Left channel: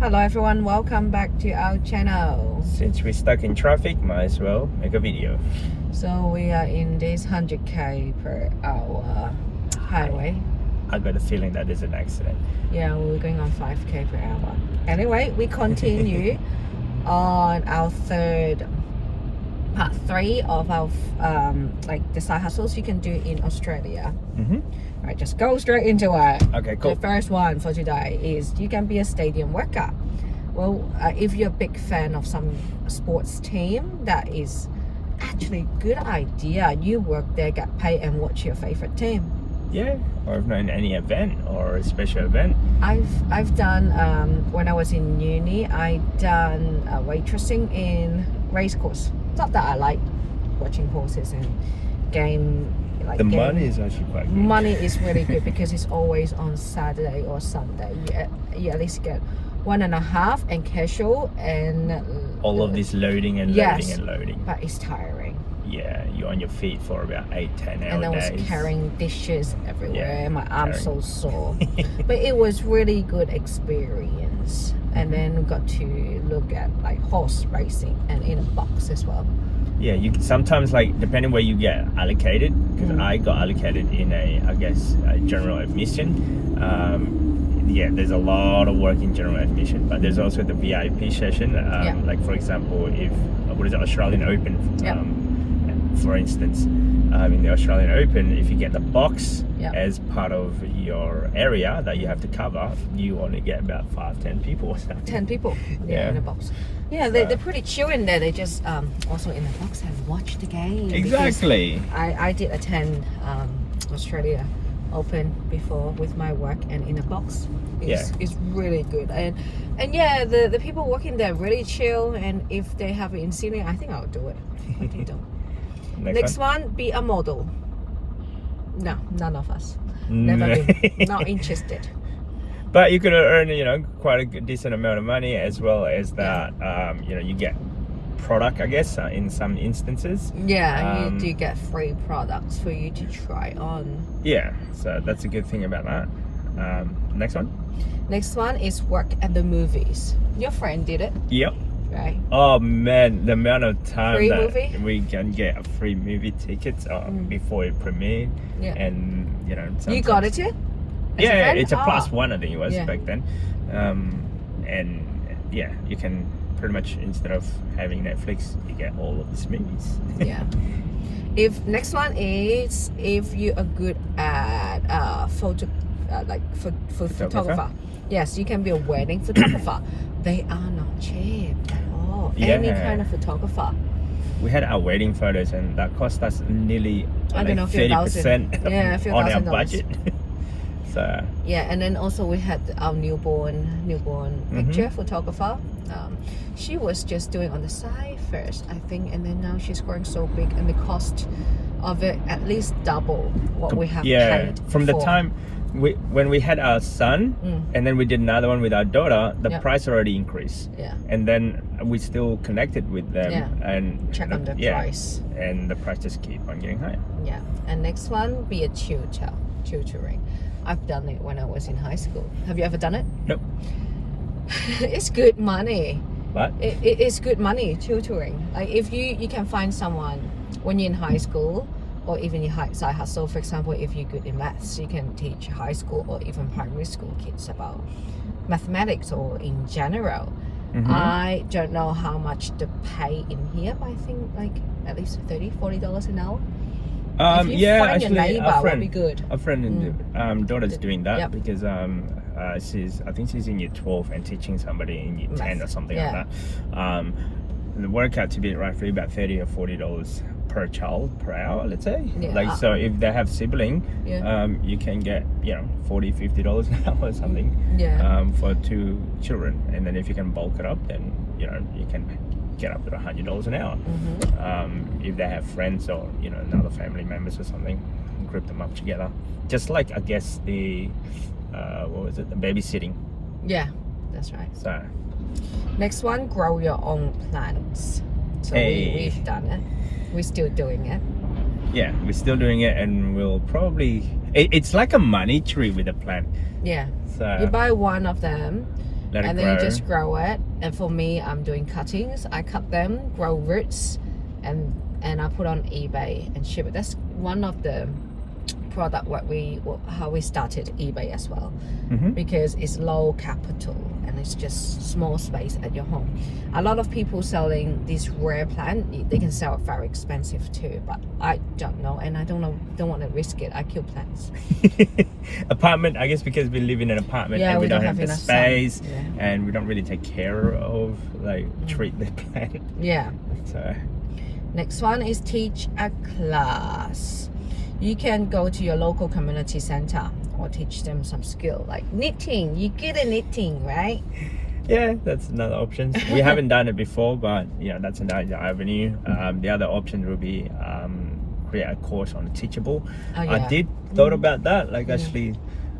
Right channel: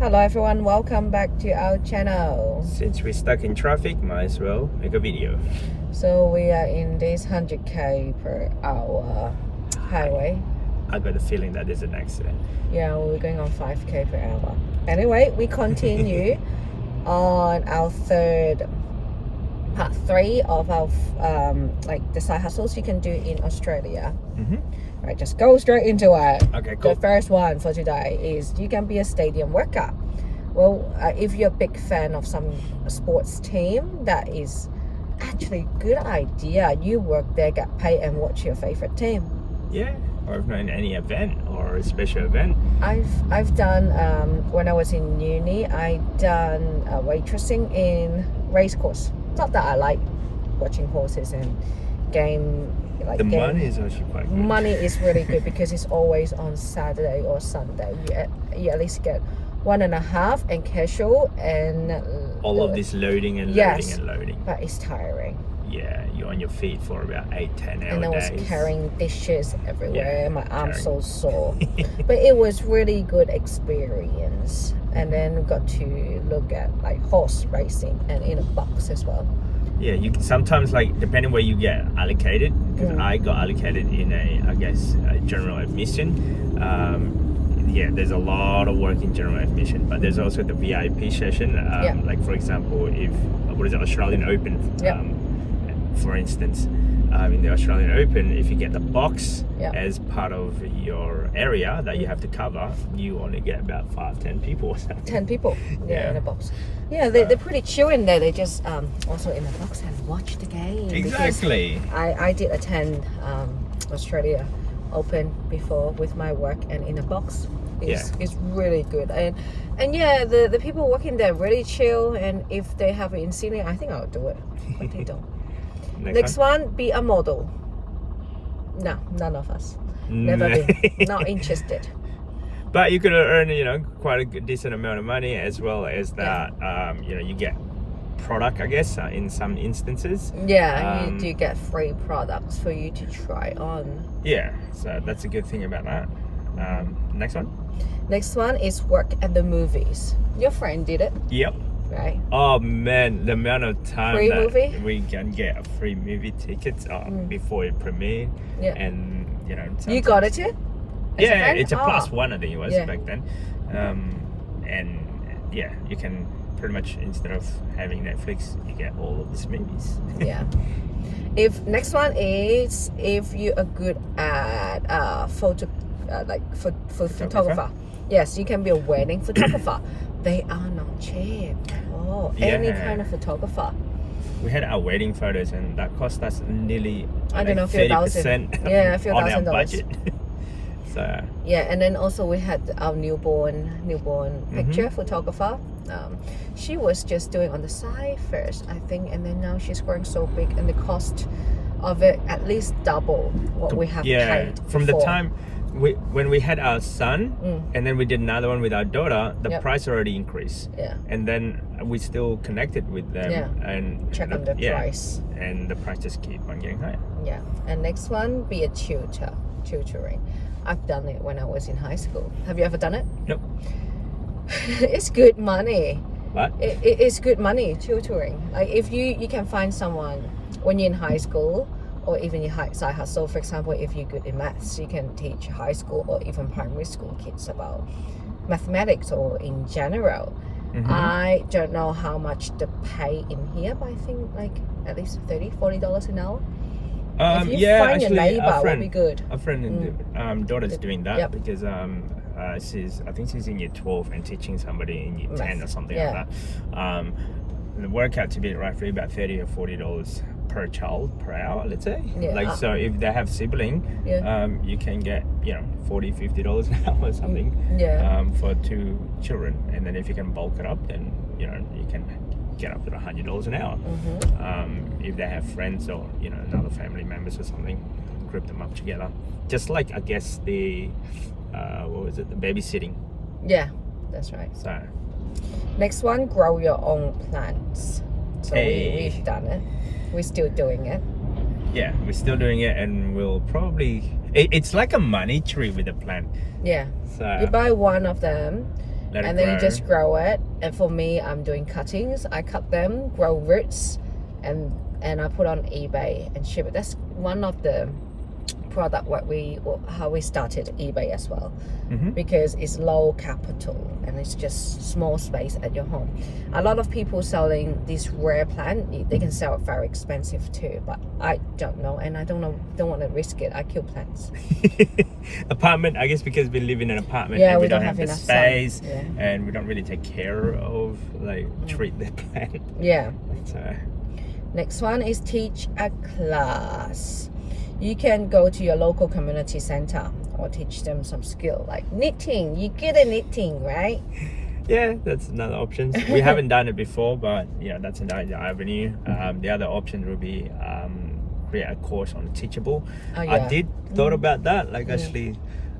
Hello everyone, welcome back to our channel. Since we're stuck in traffic, might as well make a video. So we are in this 100k per hour highway. I got a feeling that there's an accident. Yeah, we're going on 5k per hour. Anyway, we continue on our part 3 of our like the side hustles you can do in Australia. Right, just go straight into it. Okay, cool. The first one for today is you can be a stadium worker. Well, if you're a big fan of some sports team, that is actually a good idea. You work there, get paid, and watch your favorite team. Yeah, or if not in any event or a special event. I've done when I was in uni, I done waitressing in race course. Not that I like watching horses and game. Like money is actually quite good. Money is really good because it's always on Saturday or Sunday. You at least get 1.5 and casual and all of this loading and loading and loading. But it's tiring. Yeah, you're on your feet for about 8-10 hours. And I was carrying dishes everywhere. Yeah, my arm's so sore. But it was really good experience. And then we got to look at like horse racing and in a box as well. Yeah, you sometimes, like, depending where you get allocated, because I got allocated in a general admission. Yeah, there's a lot of work in general admission, but there's also the VIP session. Like, for example, if Australian Open, for instance, in the Australian Open, if you get the box as part of your area that you have to cover, you only get about 5-10 people or something. 10 people, in a box. Yeah, they're pretty chill in there. They just also in a box and watch the game. Exactly. I did attend Australia Open before with my work, and in a box is really good. And yeah, the people working there really chill. And if they have it in Sydney, I think I'll do it. But they don't. Next one, be a model. No, none of us. Never been. Not interested. But you can earn, quite a decent amount of money, as well as that, you get product, I guess, in some instances. Yeah, you do get free products for you to try on. Yeah, so that's a good thing about that. Next one. Next one is work at the movies. Your friend did it. Yep. Right. Oh man, the amount of time free that movie? We can get free movie tickets before it premiered. Yeah. And, you got it too? Yeah, it's a +1, I think it was back then. And yeah, you can pretty much, instead of having Netflix, you get all of these movies. Yeah. Next one is if you are good at photographer. Yes, you can be a wedding photographer. They are not cheap. Any kind of photographer. We had our wedding photos, and that cost us nearly 30% on our budget. So yeah, and then also we had our newborn picture photographer. She was just doing on the side first, I think, and then now she's growing so big, and the cost of it at least double what we have paid from before. The time when we had our son, and then we did another one with our daughter, the price already increased. Yeah. And then we still connected with them and check on the price. And the price just keep on getting higher. Yeah. And next one, be a tutoring. I've done it when I was in high school. Have you ever done it? Nope. It's good money. What? It's good money, tutoring. Like if you can find someone when you're in high school, or even your side hustle. For example, if you're good in maths, you can teach high school or even primary school kids about mathematics or in general. I don't know how much the pay in here, but I think like at least $30-40 an hour. If you find a neighbor, would be good. A friend and daughter's doing that because I think she's in year 12 and teaching somebody in year 10 or something like that. The work out to be roughly about $30 or $40 per child per hour, let's say. So if they have sibling, you can get $40-50 an hour or something for 2 children, and then if you can bulk it up, then you can get up to $100 an hour. If they have friends or other family members or something, group them up together, just like I guess the the babysitting. Yeah, that's right. So next one, grow your own plants. So we've done it. We're still doing it. Yeah, we're still doing it, and we'll probably... It's like a money tree with a plant. Yeah. So you buy one of them, let it and grow. then you just grow it. And for me, I'm doing cuttings. I cut them, grow roots, and I put on eBay and ship it. That's one of the product how we started eBay as well, because it's low capital and it's just small space at your home. A lot of people selling this rare plant, they can sell it very expensive too, but I don't know, and I don't want to risk it. I kill plants. Apartment, I guess, because we live in an apartment, and we don't have the space, and we don't really take care of, like, treat the plant. Yeah. So next one is teach a class. You can go to your local community center or teach them some skill like knitting. You get a knitting, right? Yeah, that's another option. We haven't done it before, but yeah, that's another avenue. The other option would be create a course on Teachable. I did thought about that, like actually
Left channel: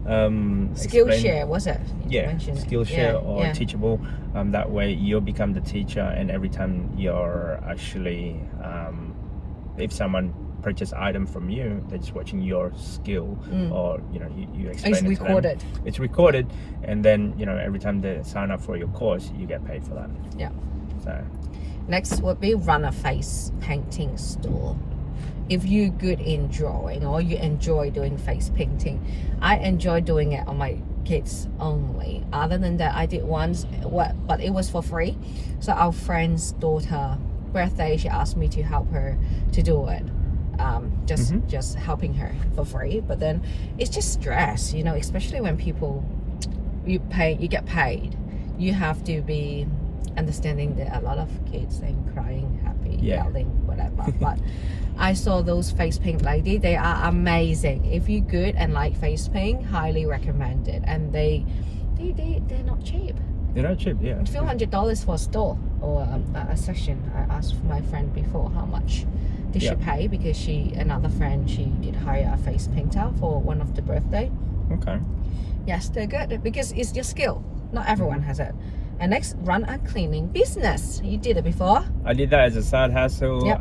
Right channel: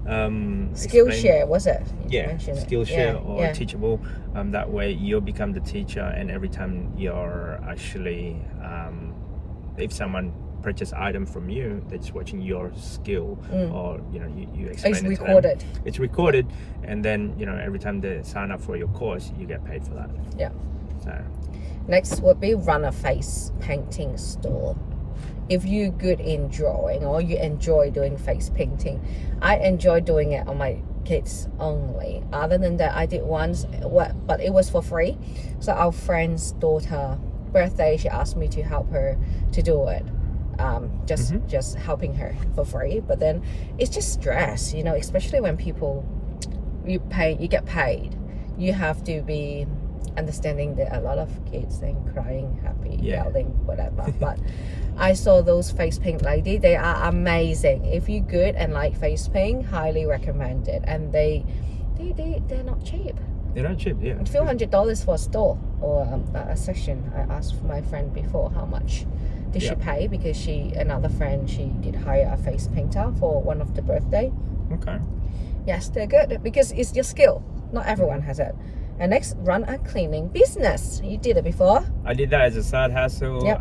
Skillshare, was it? Yeah, Skillshare or Teachable. That way you'll become the teacher, and every time you're actually if someone purchase item from you that's watching your skill, or you explain it's it recorded. to them. It's recorded, and then every time they sign up for your course, you get paid for that. Yeah. So next would be run a face painting store. If you're good in drawing or you enjoy doing face painting, I enjoy doing it on my kids only. Other than that, I did once, but it was for free. So our friend's daughter birthday, she asked me to help her to do it. Just helping her for free, but then it's just stress, especially when you get paid. You have to be understanding that a lot of kids and crying, happy, yelling, whatever. But I saw those face paint lady. They are amazing. If you're good and like face paint, highly recommend it. And they're not cheap. They're not cheap, yeah. $a few $100 for a store or a session. I asked my friend before how much did she pay, because another friend, she did hire a face painter for one of the birthday. Okay. Yes, they're good because it's your skill. Not everyone has it. And next, run a cleaning business. You did it before. I did that as a side hustle. Yep.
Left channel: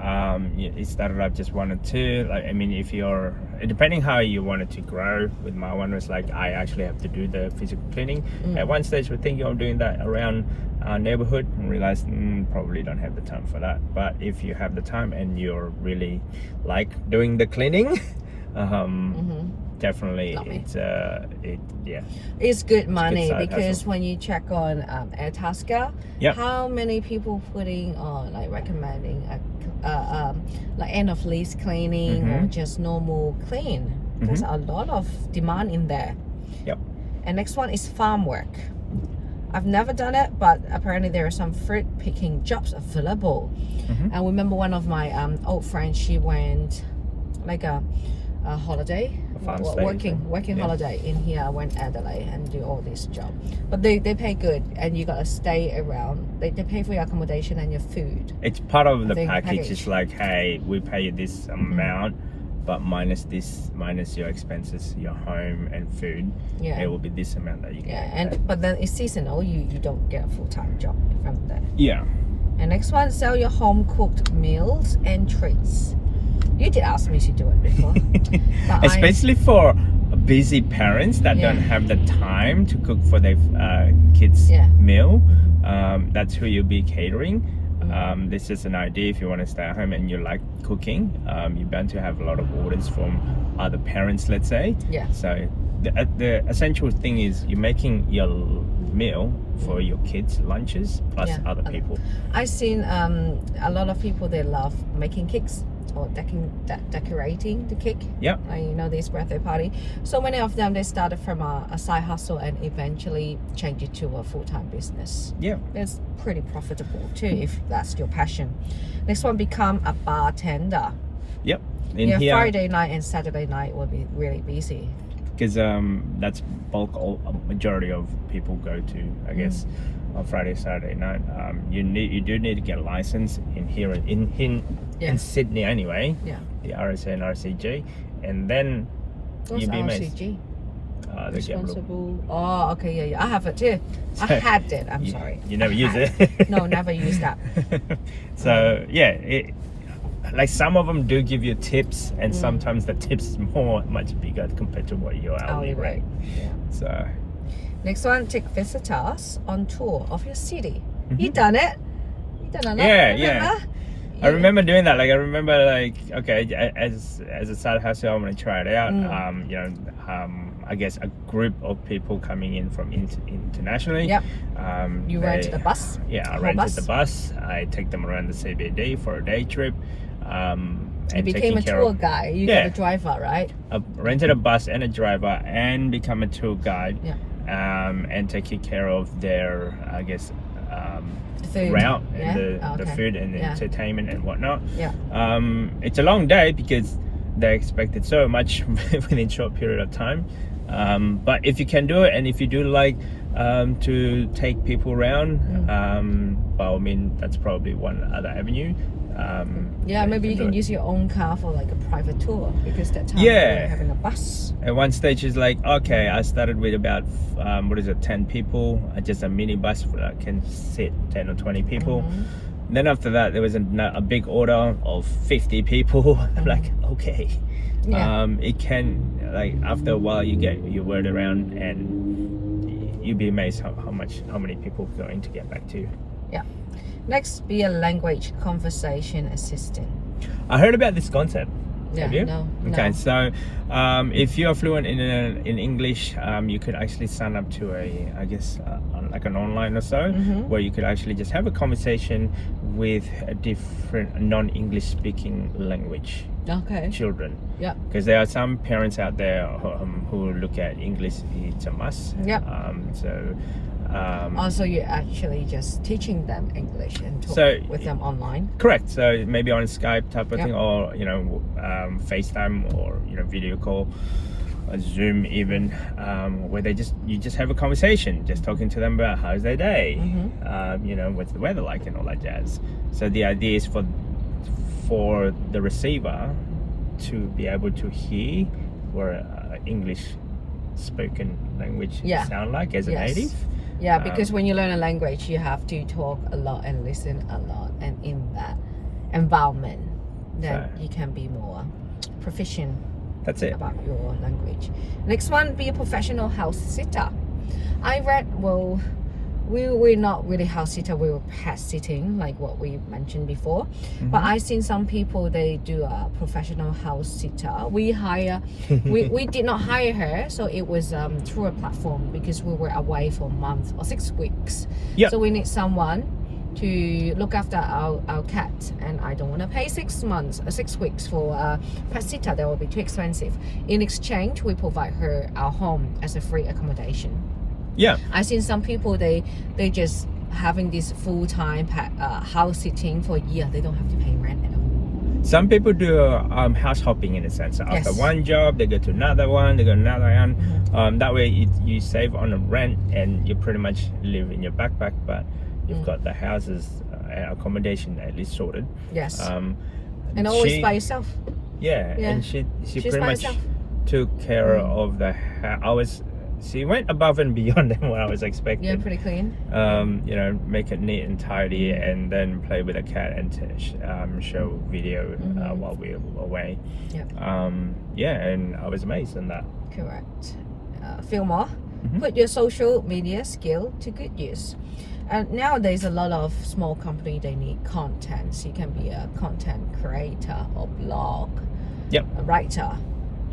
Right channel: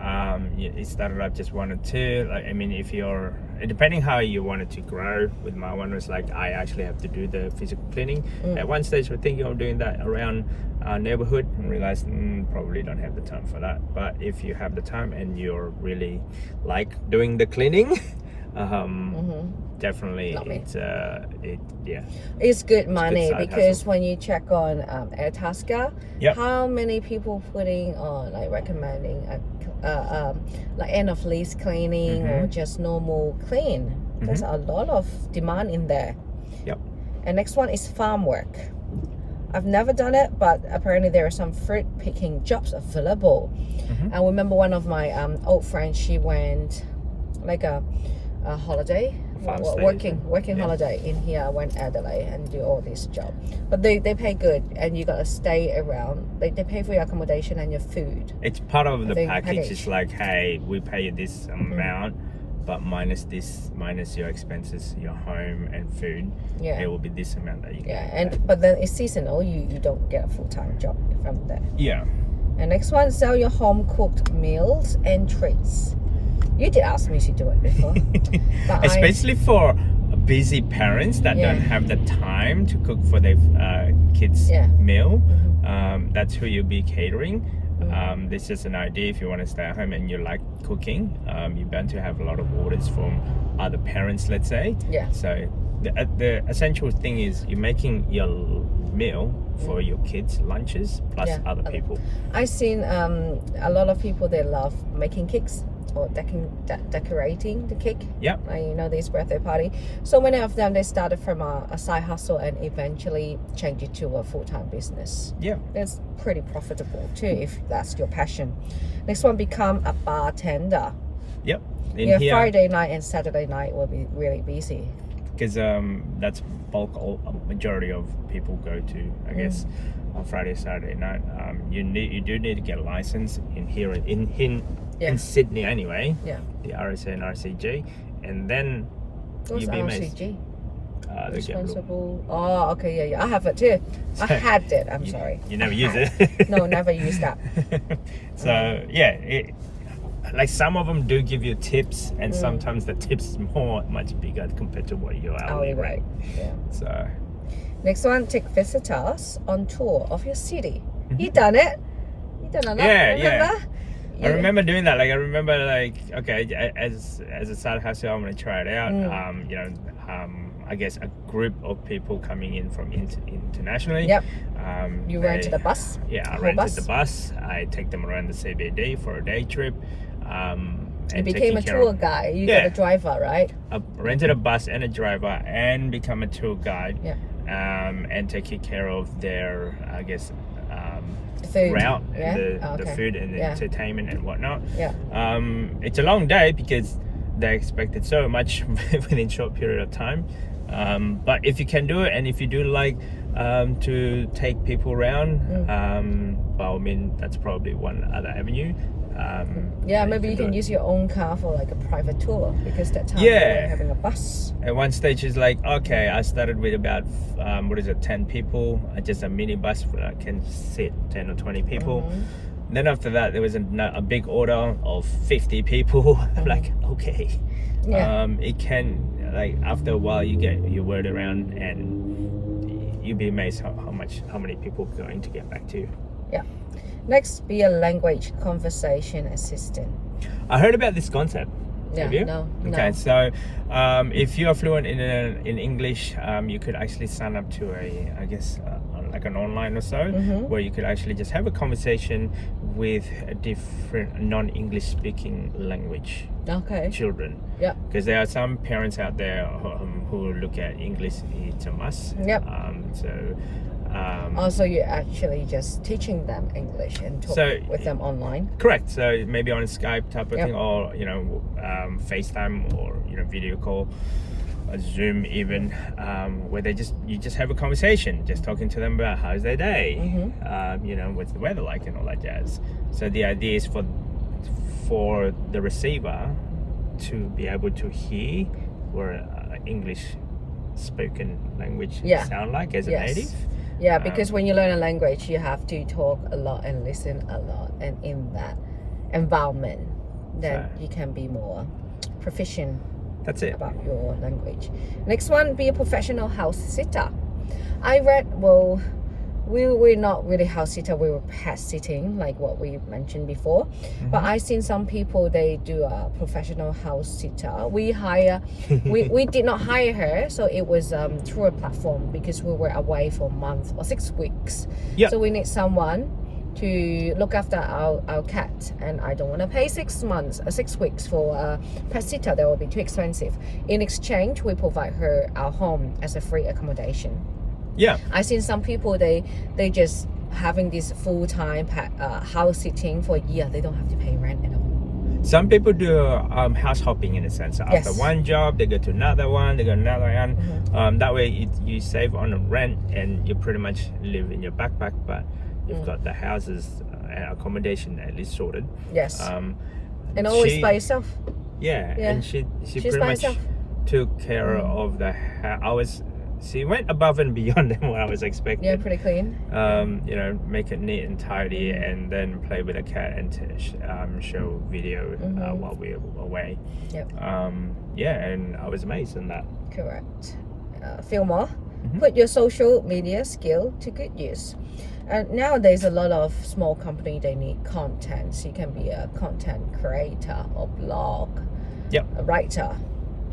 It started up just 1 or 2. Like, I mean, if you're depending how you want it to grow. With my one was like I actually have to do the physical cleaning. At one stage, we're thinking of doing that around our neighborhood, and realized probably don't have the time for that. But if you have the time and you're really like doing the cleaning, definitely it's good money, because when you check on Airtasker, how many people putting on like recommending like end of lease cleaning or just normal clean. There's a lot of demand in there. And next one is farm work. I've never done it, but apparently there are some fruit picking jobs available. I remember one of my old friends, she went like a holiday, working holiday in here, went Adelaide and do all this job. But they pay good, and you gotta stay around. They pay for your accommodation and your food. It's part of the package. It's like, hey, we pay you this amount, but minus your expenses, your home and food. It will be this amount that you get. But then it's seasonal. You don't get a full-time job from there. And next one, sell your home cooked meals and treats. You did ask me to do it before. Especially for busy parents that don't have the time to cook for their kids' meal. That's who you'll be catering. This is an idea. If you want to stay at home and you like cooking, you're bound to have a lot of orders from other parents, let's say. So the essential thing is you're making your meal for your kids' lunches plus other people. I've seen a lot of people, they love making cakes or decorating the cake. This birthday party. So many of them, they started from a side hustle and eventually change it to a full-time business. It's pretty profitable too if that's your passion. Next one, become a bartender. Here, Friday night and Saturday night will be really busy, because that's majority of people go to, I guess, on Friday, Saturday night. You do need to get a license in here in Sydney anyway. The RSA and RCG, and then you'd be amazed. Responsible. Oh, okay, I have it too. I had it. I'm sorry. You never use it? No, never use that. So like some of them do give you tips, and sometimes the tips is much bigger compared to what your hourly rate. So Next one, take visitors on tour of your city. You done it. You done it. Yeah. I remember doing that. Like I remember, like okay, as a side hustle, I'm gonna try it out. I guess a group of people coming in from internationally. Yep. You rented a bus. Yeah, I rented the bus. I take them around the CBD for a day trip. You became a tour guide. You got a driver, right? I rented a bus and a driver and become a tour guide. Yeah. And taking care of their, I guess, food. Route and the food and the entertainment and whatnot. Yeah. It's a long day because they expected so much within a short period of time. But if you can do it, and if you do like to take people around, well, I mean, that's probably one other avenue. Maybe you can use your own car for like a private tour, because that time you're having a bus. At one stage is like, okay, I started with about 10 people, just a mini bus that can sit 10 or 20 people. Then after that there was a big order of 50 people. I'm like, okay. It can, like, after a while you get your word around and you'd be amazed how many people are going to get back to you. Next, be a language conversation assistant. I heard about this concept. Have you? No. Okay, so if you are fluent in English, you could actually sign up to like an online or so, where you could actually just have a conversation with a different non-English speaking language children. Because there are some parents out there who look at English, it's a must. Also, you're actually just teaching them English and talk with them online. Correct. So maybe on Skype type of thing, or FaceTime, or video call, or Zoom even, where you just have a conversation, just talking to them about how's their day, what's the weather like and all that jazz. So the idea is for the receiver to be able to hear what English spoken language sound like as a native. Yeah, because when you learn a language, you have to talk a lot and listen a lot, and in that environment, then you can be more proficient. That's it. About your language. Next one, be a professional house sitter. We're not really house sitter, we were pet sitting, like what we mentioned before. But I've seen some people, they do a professional house sitter. We did not hire her, so it was through a platform, because we were away for a month or 6 weeks. So we need someone to look after our cat, and I don't want to pay 6 weeks for a pet sitter. That will be too expensive. In exchange, we provide her our home as a free accommodation. I've seen some people, they just having this full-time house sitting for a year. They don't have to pay rent at all. Some people do house hopping in a sense. So after one job, they go to another one, they go to another one. That way you save on the rent, and you pretty much live in your backpack, but you've got the houses and accommodation at least sorted. And always by yourself. And she pretty much took care of the house. She went above and beyond than what I was expecting. Pretty clean. Make it neat and tidy, and then play with the cat and show video while we were away. And I was amazed on that. Correct. Feel more. Put your social media skill to good use. Nowadays, a lot of small company, they need content. So you can be a content creator or blog, a writer.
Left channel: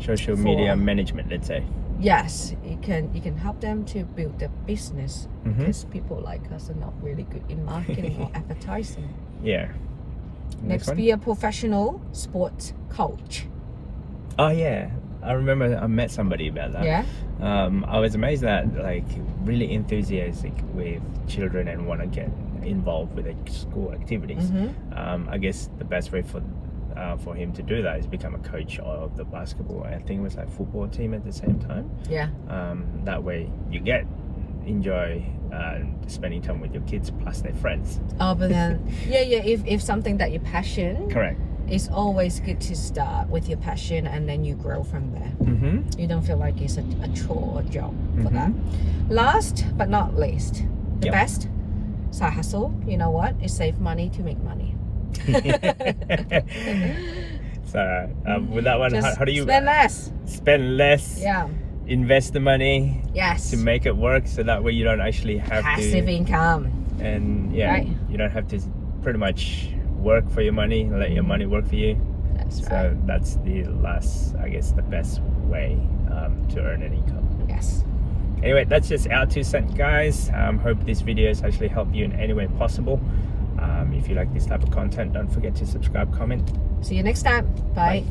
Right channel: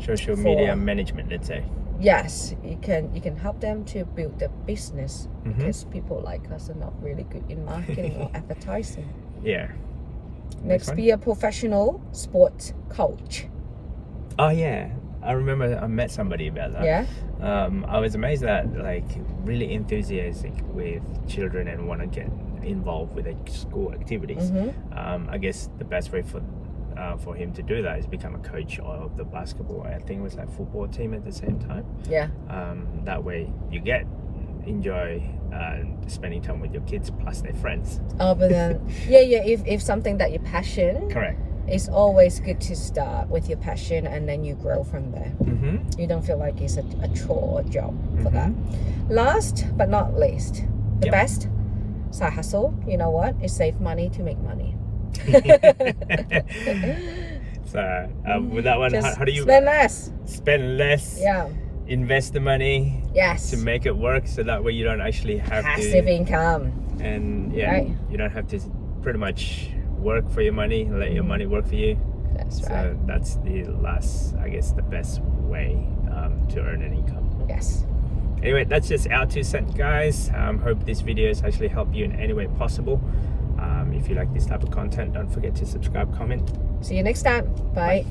Social media management, let's say. Yes, you can help them to build their business, because people like us are not really good in marketing or advertising. Next, be a professional sports coach. Oh yeah, I remember I met somebody about that. I was amazed that, like, really enthusiastic with children and want to get involved with the school activities. I guess the best way for him to do that is become a coach of the basketball, I think it was like football team at the same time. That way you enjoy spending time with your kids plus their friends. But then if something that you're passionate, correct, it's always good to start with your passion, and then you grow from there. You don't feel like it's a chore or job for that. Last but not least, the best side hustle, you know what, is save money to make money. So with that one, how do you spend less? Spend less. invest the money Yes. to make it work, so that way you don't actually have passive to, income. and yeah, right. you don't have to pretty much work for your money, let your money work for you. That's right. So that's the best way to earn an income. Yes. Anyway, that's just our 2 cents, guys. Hope this video has actually helped you in any way possible. If you like this type of content, don't forget to subscribe, comment. See you next time. Bye. Bye.